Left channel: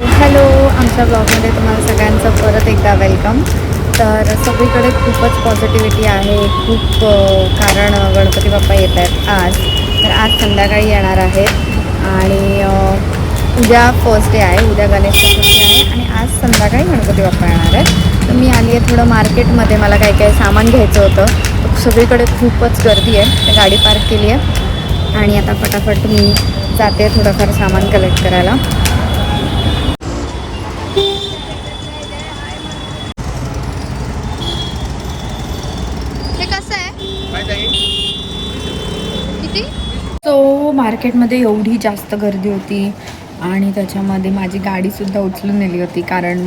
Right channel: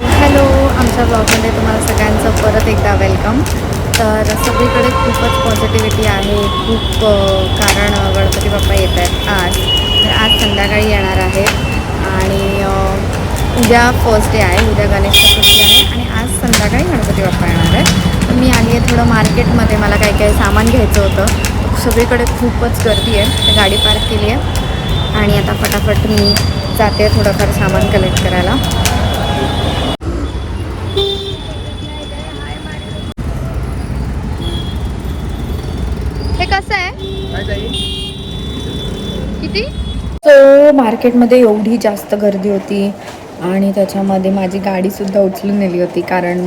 Hello, आमच्या ब्लॉगमध्ये तुम्हाला सगळ्यांचं परत एकदा वेलकम. तर सगळीकडे खूपच पॉझिटिव्हिटी आहे. खूप कारण गणपती बाप्पा येत आहेत आज. तर आज संध्याकाळी येणार आहेत आणि उद्या फर्स्ट डे आहे, उद्या गणेश चतुर्थी आहे आणि आज संध्याकाळी गणपती बाप्पा येणार आहे. तर मी आली आहे थोडं मार्केटमध्ये, मला काही काही सामान घ्यायचं होतं. सगळीकडे खूपच गर्दी आहे. तर गाडी पार्क केली आहे आणि आता फटाफट मी जाते थोडंफार सामान कलेक्ट करायला. हे कसं आहे? किती? तर मार्केटमध्ये एवढी जास्त गर्दी होती आणि त्याच्यामध्ये माझी गाडीसुद्धा उचलून नेली होती, कारण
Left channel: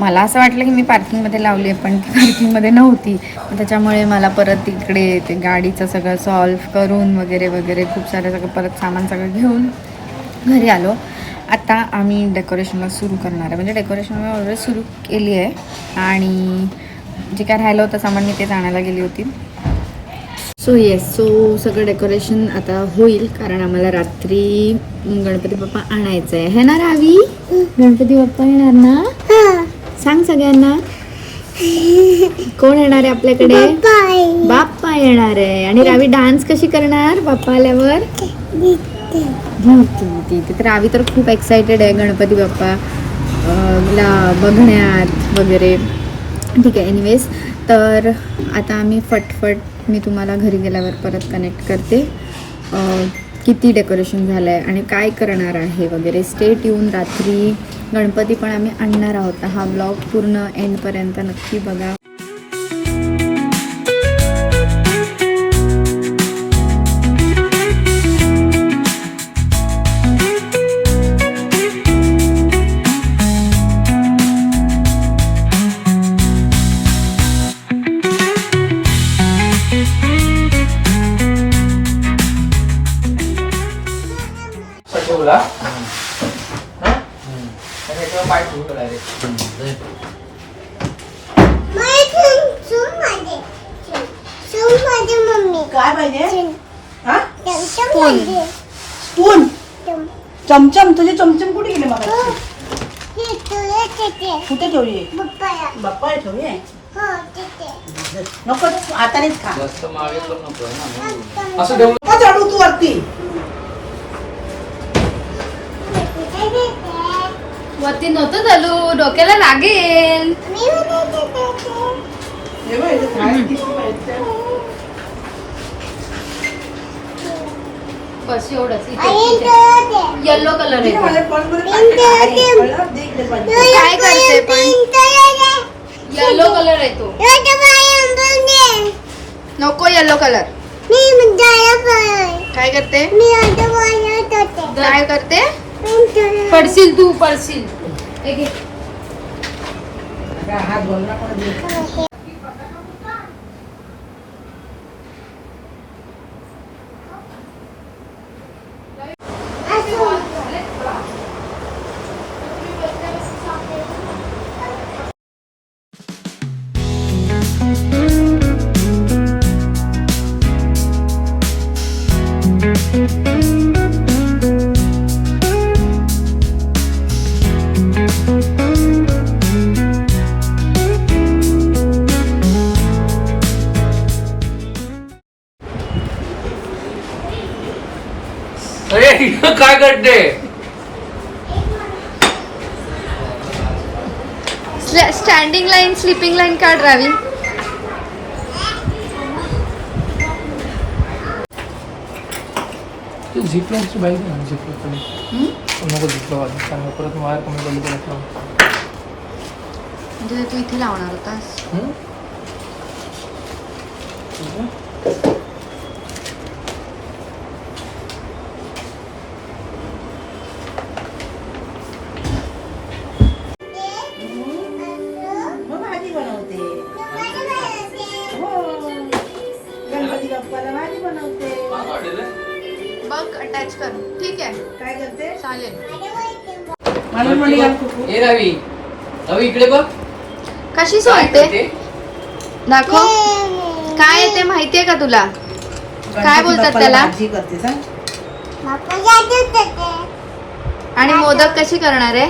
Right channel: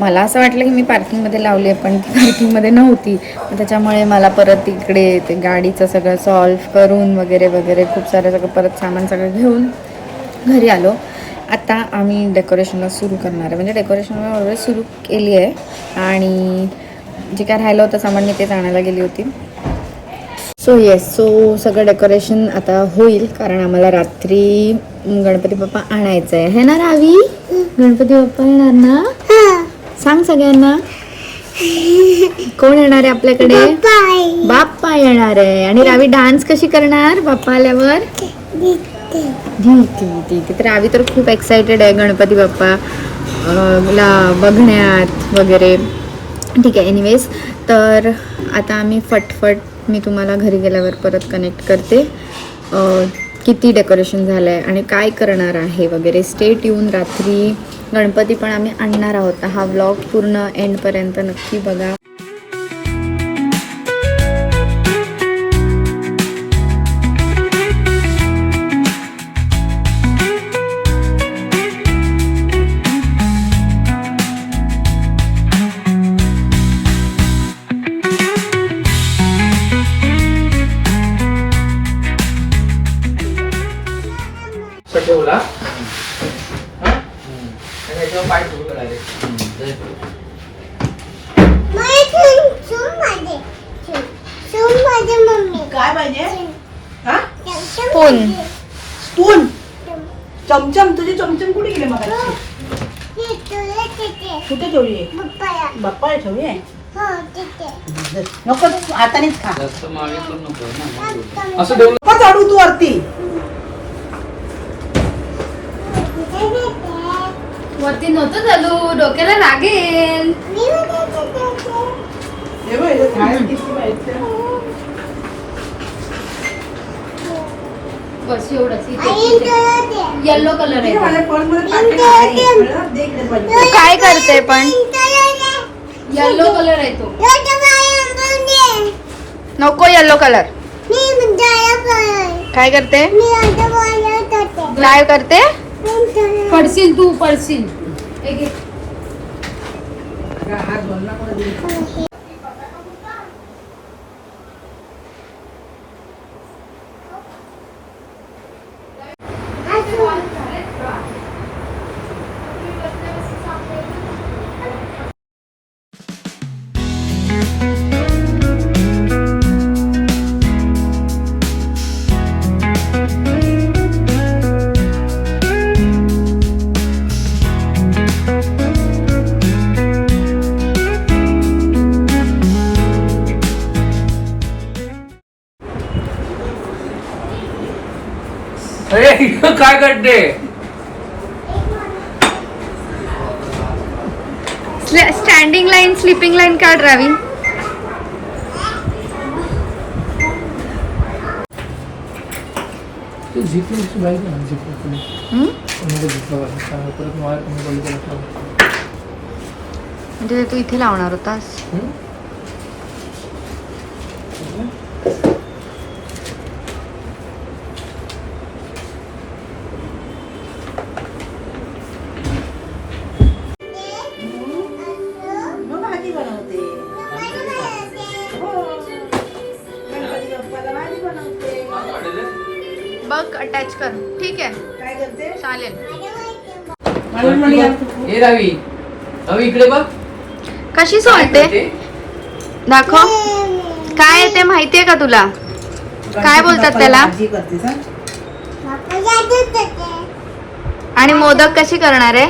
मला असं वाटलं की मी पार्किंगमध्ये लावली आहे, पण पार्किंगमध्ये नव्हती. त्याच्यामुळे मला परत तिकडे ते गाडीचं सगळं सॉल्व करून वगैरे वगैरे खूप सारं सगळं परत सामान सगळं घेऊन घरी आलो. आता आम्ही डेकोरेशनला सुरू करणार आहे, म्हणजे डेकोरेशन ऑलरेडी सुरू केली आहे आणि जे काय राहिलं होतं सामान मी तेच आणायला गेली होती. सो सगळं डेकोरेशन आता होईल, कारण आम्हाला रात्री गणपती बाप्पा आणायचं आहे. हे ना रावी, गणपती बाप्पा येणार ना? सांग सगळ्यांना. कोण येणार आहे आपल्याकडे? बाप्पा येणार आहे. आणि रावी डान्स कशी करणार बाप्पा आल्यावर? तर रावी तर खूप एक्सायटेड आहे गणपती बाप्पा ला बघण्यात वगैरे. ठीक आहे, एनिवेज. तर आता आम्ही फटफट मी तुम्हाला घरी गेल्यावर परत कनेक्ट करते किती डेकोरेशन झालं आहे आणि काय करणार आहे वगैरे. स्टेट येऊन रात्री गणपती पण आम्ही आणणार आहोत. हा व्लॉग पूर्ण एंडपर्यंत नक्की बघा. ठेवला काय पाहिजे? स्पून. स्पून, चमचम. तुझे चमचम कुठे गेले? मला कुठे ठेवली? बाप्पा ठेवली. नको, आता नाही खा. असं ठेवलं का चढू तू वरती? वरती नव्हतं चालू, डोक्याला लागेल. बस एवढंच. येल्लो कलर आहे. काय करते पण? येल्लो कलर आहे तो. नको येल्लो कलर. काय करते? काय करते? पडशील तू, पडशील. काय करते? स्टँडिंग लाईन, स्लीपिंग लाईन काढ रावी. झिप लाईनची बाईक नाही. झिप नको, झिप लावायला परत वायर कमी पडली त्याला. म्हणजे तू इथे लावणार होतास? भाजी बनवते. गणपती बाप्पाला भाजी बनवते. बघ, अटॅच कर. ठीक आहे, काय करते? चालेल. हे रावी, रवी इकडे बघ. कशी सोडते? दाखव. काय आहे ते माहितीये का तुला? काय बोलतात त्याला? भाजी करते सांग. आणि मोदक कशी करणार आहे?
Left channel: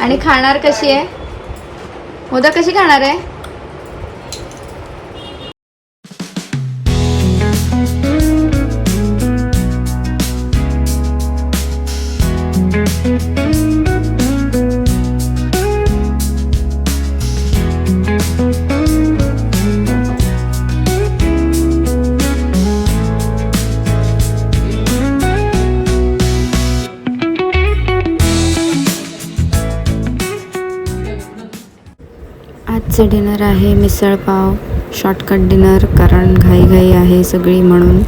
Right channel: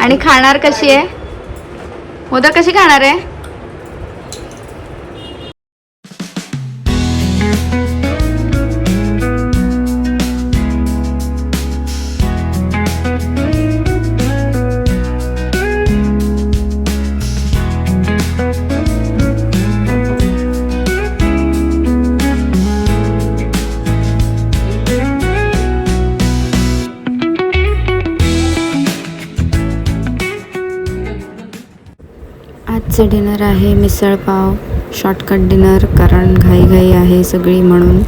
आणि खाणार कशी आहे? मोदक कशी खाणार आहे? आजचं डिनर आहे मिसळपाव. शॉर्टकट डिनर, कारण घाई आहे सगळी म्हणून.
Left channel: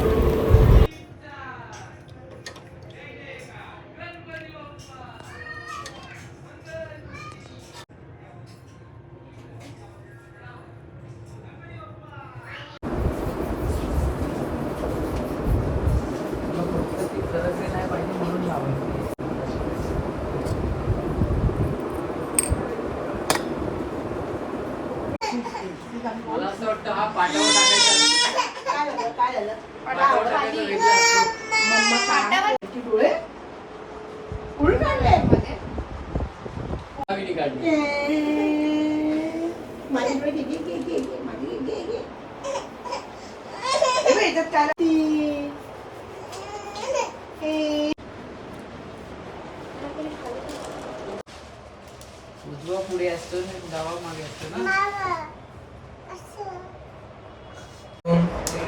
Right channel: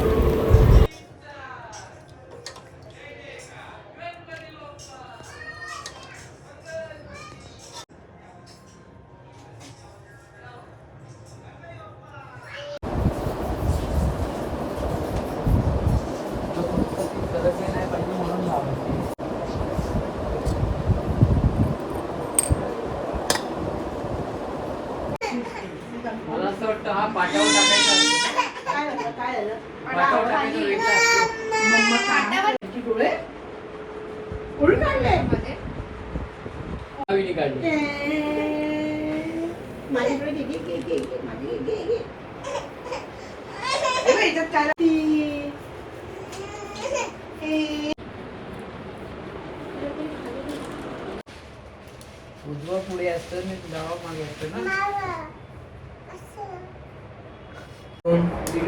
उजवा पुढे असतो आणि डावा मागे असतो ना.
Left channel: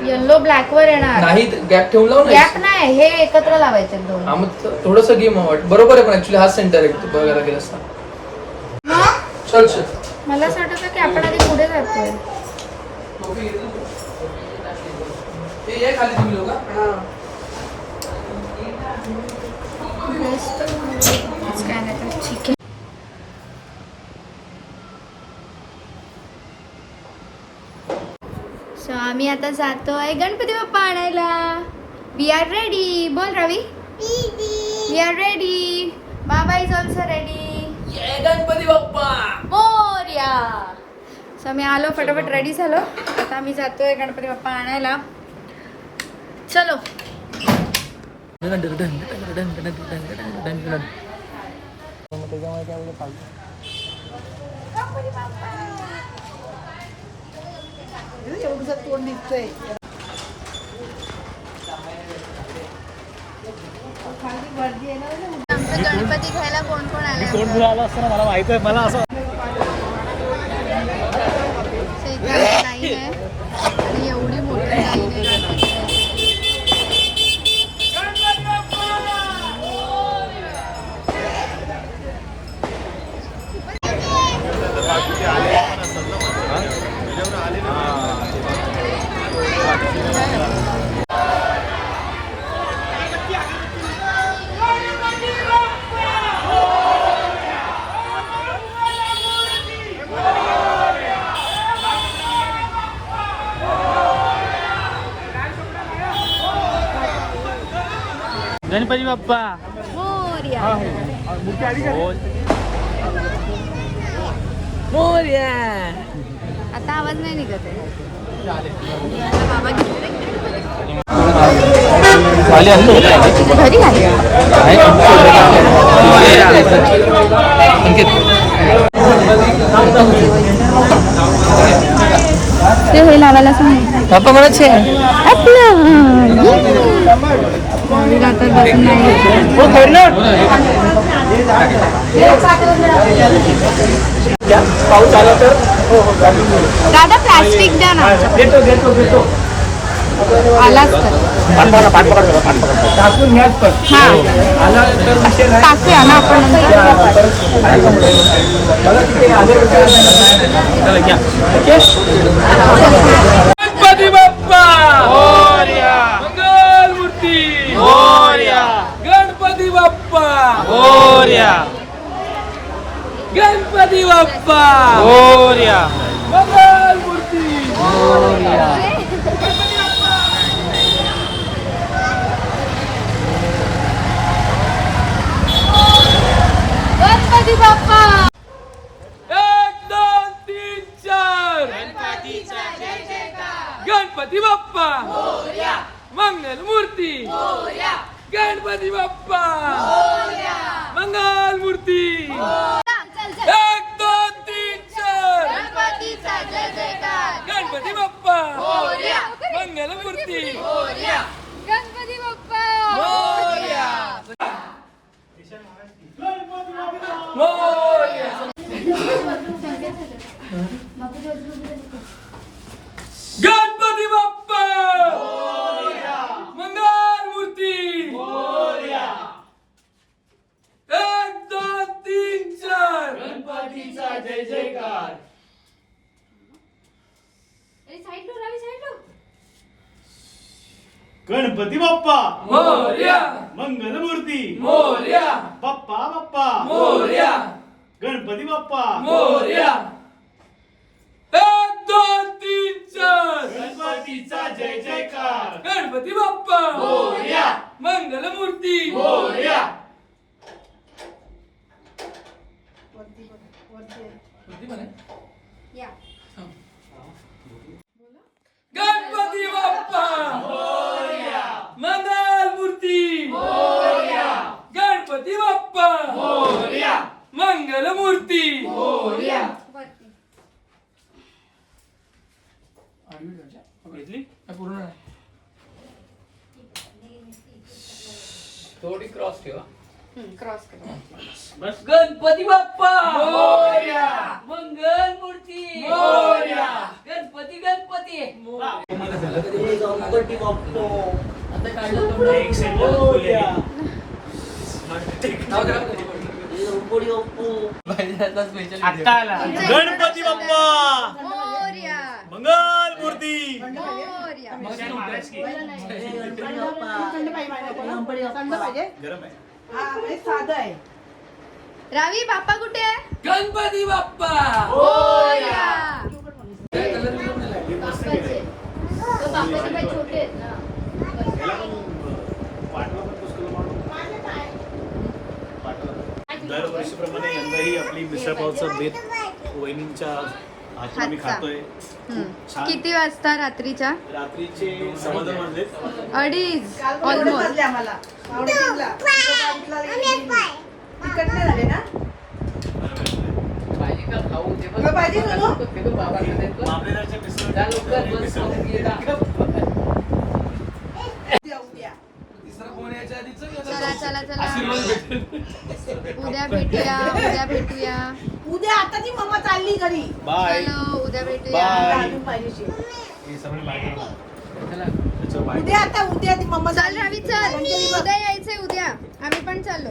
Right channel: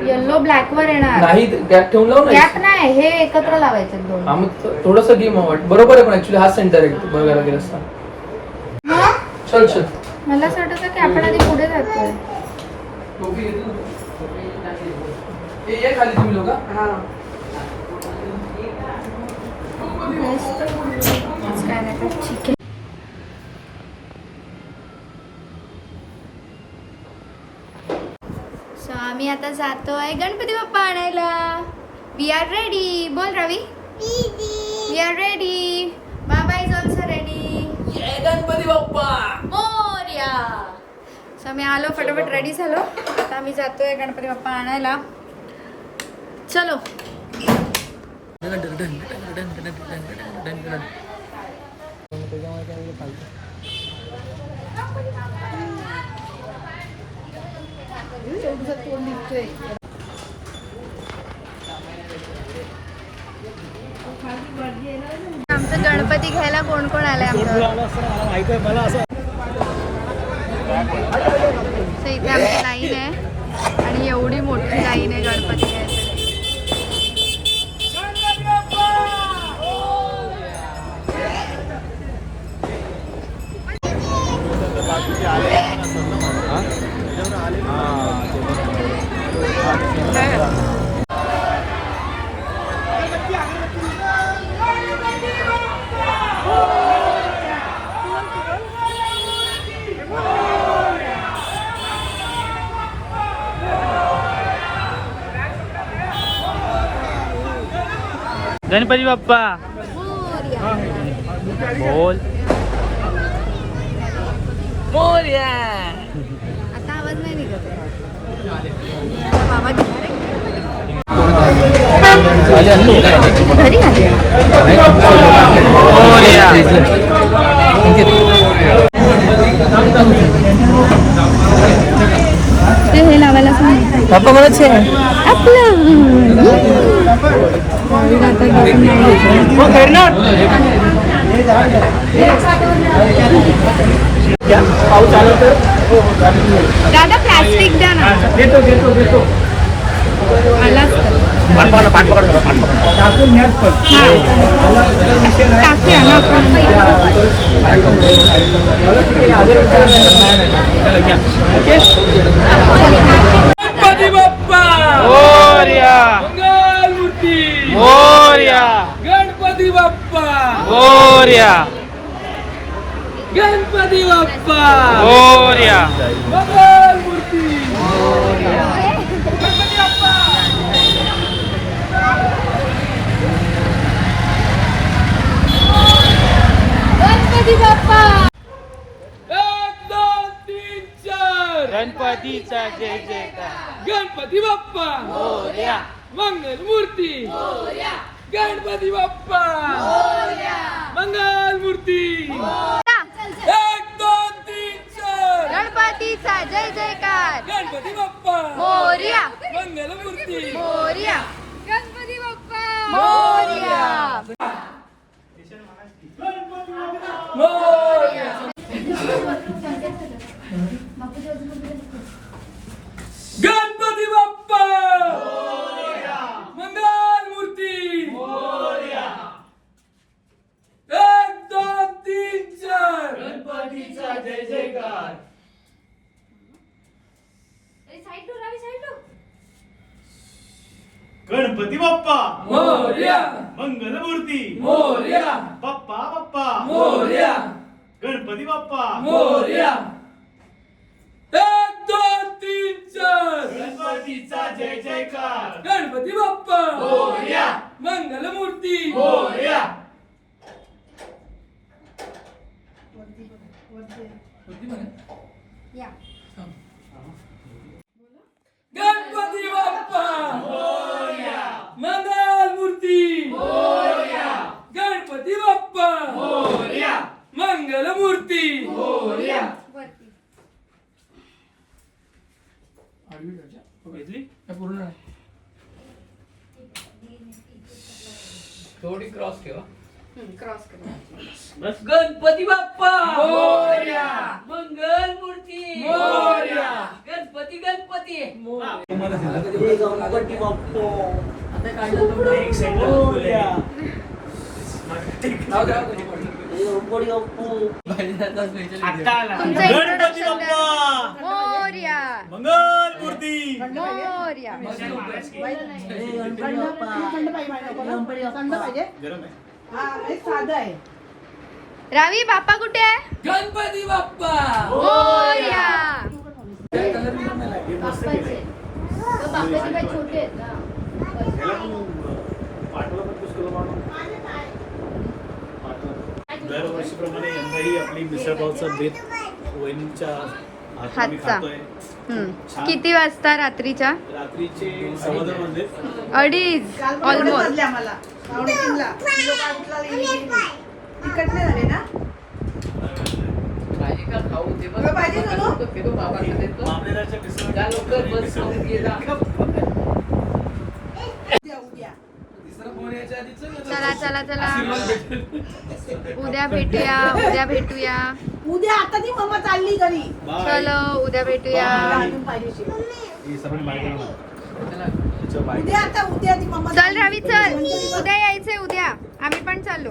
येल्लो ब्लॅक वर येणार नाही गॅप ठेवून लाव ना. गॅप नाही, हे एकत्र लावायचे दोन. हा मग थोडस गेम वाट बरोबर आहे, पण ऍक्च्युली हा सेंटर आहे बघायला गेलं असता. चल चल. मला असं वाटतं की आपण आधी पुढे जातोय. ये खाली तुम्ही लोक. काय नाही तर ठीक आहे. सो आम्ही आता जातोय गणपती बाप्पा आणायला. We are ready. बोल रवी. We are ready. बाबा is also ready. Ganpati Bappa Morya. So आम्ही आलो, फटाफट रेडी झालो. आता आम्ही जातोय गणपती बाप्पा आणायला. चलो. तोंड दिसतोय. आमचं गणपती घ्यायला कोण कोण आलंय आमचं? मला असं इथे आमची लाईन आहे आणि एवढी मोठी लाईन आहे गणपती घ्यायची. गणपती बाप्पा मोरया. बोल. आता आवाज नाही निघत आहे. आता बाबा घरी आले. हे लावायला सांग. बाप्पा मला छे दादा प्लास्टिक द्या ना. आलाच टाकूया ना आपण गणपती बाप्पा मोरया. मंगल मूर्ती. मोरया. गणपती बाप्पा मोरया. गणपती बाप्पा मोरया. मंगल मूर्ती. गणपती बाप्पा. गणपती बाप्पा. 1 2 3 4 गणपतीचा जय जयकार. गणपती बाप्पा मंगल मूर्ती. गणपती बाप्पा मंगल मूर्ती. बाप्पा मोरया. मंगलमूर्ती मोरया. गणपती बाप्पा मोरया. मोरया. गणपती बाप्पा मंगलमूर्ती 1 2 3 4 गणपतीचा जय जयकार. गणपती बाप्पा मोरया मंगलमूर्ती मोरया बाप्पा बाप्पा मोरया गणपती बाप्पा मोरया. 1 2 3 4 गणपतीचा जय जयकार गणपती बाप्पा मोरया मंगलमूर्ती मोरया. या. गणपती बाप्पा मंगलमूर्ती गणपती बाप्पा मंगलमूर्ती. वरती. बघितली पूर्ण नाही. थोडी क्रॉस ठेवा. क्रॉस करा. गणपती बाप्पा मोरया मंगलमूर्ती मोरया. गणपती गणपती गणपती बाप्पा एक सेंटर मोरया. गणपती बाप्पा मोरया. मंगलमूर्ती मोरया. थंड पाहिजे. गरम आहे. हा हे साधं आहे. रावी बाप्पा कुठे आहे? गणपती बाप्पा मोरया. बाप्पाचे पाय छोटे आहेत ना. पाठवा पण पुष्कळ मारून. दरवर्षीप्रमाणे यंदाही आपली मिसळपावचा बेत वहिनींच्या हातून आम्ही हातचा. खातोय. छान. किती वाजता रात्रीच्या? रात्रीचे 2:15 वाजले. 2:30 ऑलमोस्ट. वाजले आम्हाला. आवडीला. तिखट नाही झाले ना? तुला पाहिजे सोनू? मामलेदारच्या मिसळ उद्या, उद्या. चला चला चला. उद्या भेटूया. उद्या भेटूया. उद्या आता ती मम्मा चालली घरी. बाय. चलो उद्या भेटूया. बाय. अजून पाहिजे. ही सगळी माहिती आहे. त्याच्या बायको. उद्या आता उद्या ती मम्मा चल चालली. रवी चल. अंजली बघ. उद्या यायचंय उद्या. आम्ही पण चाललो.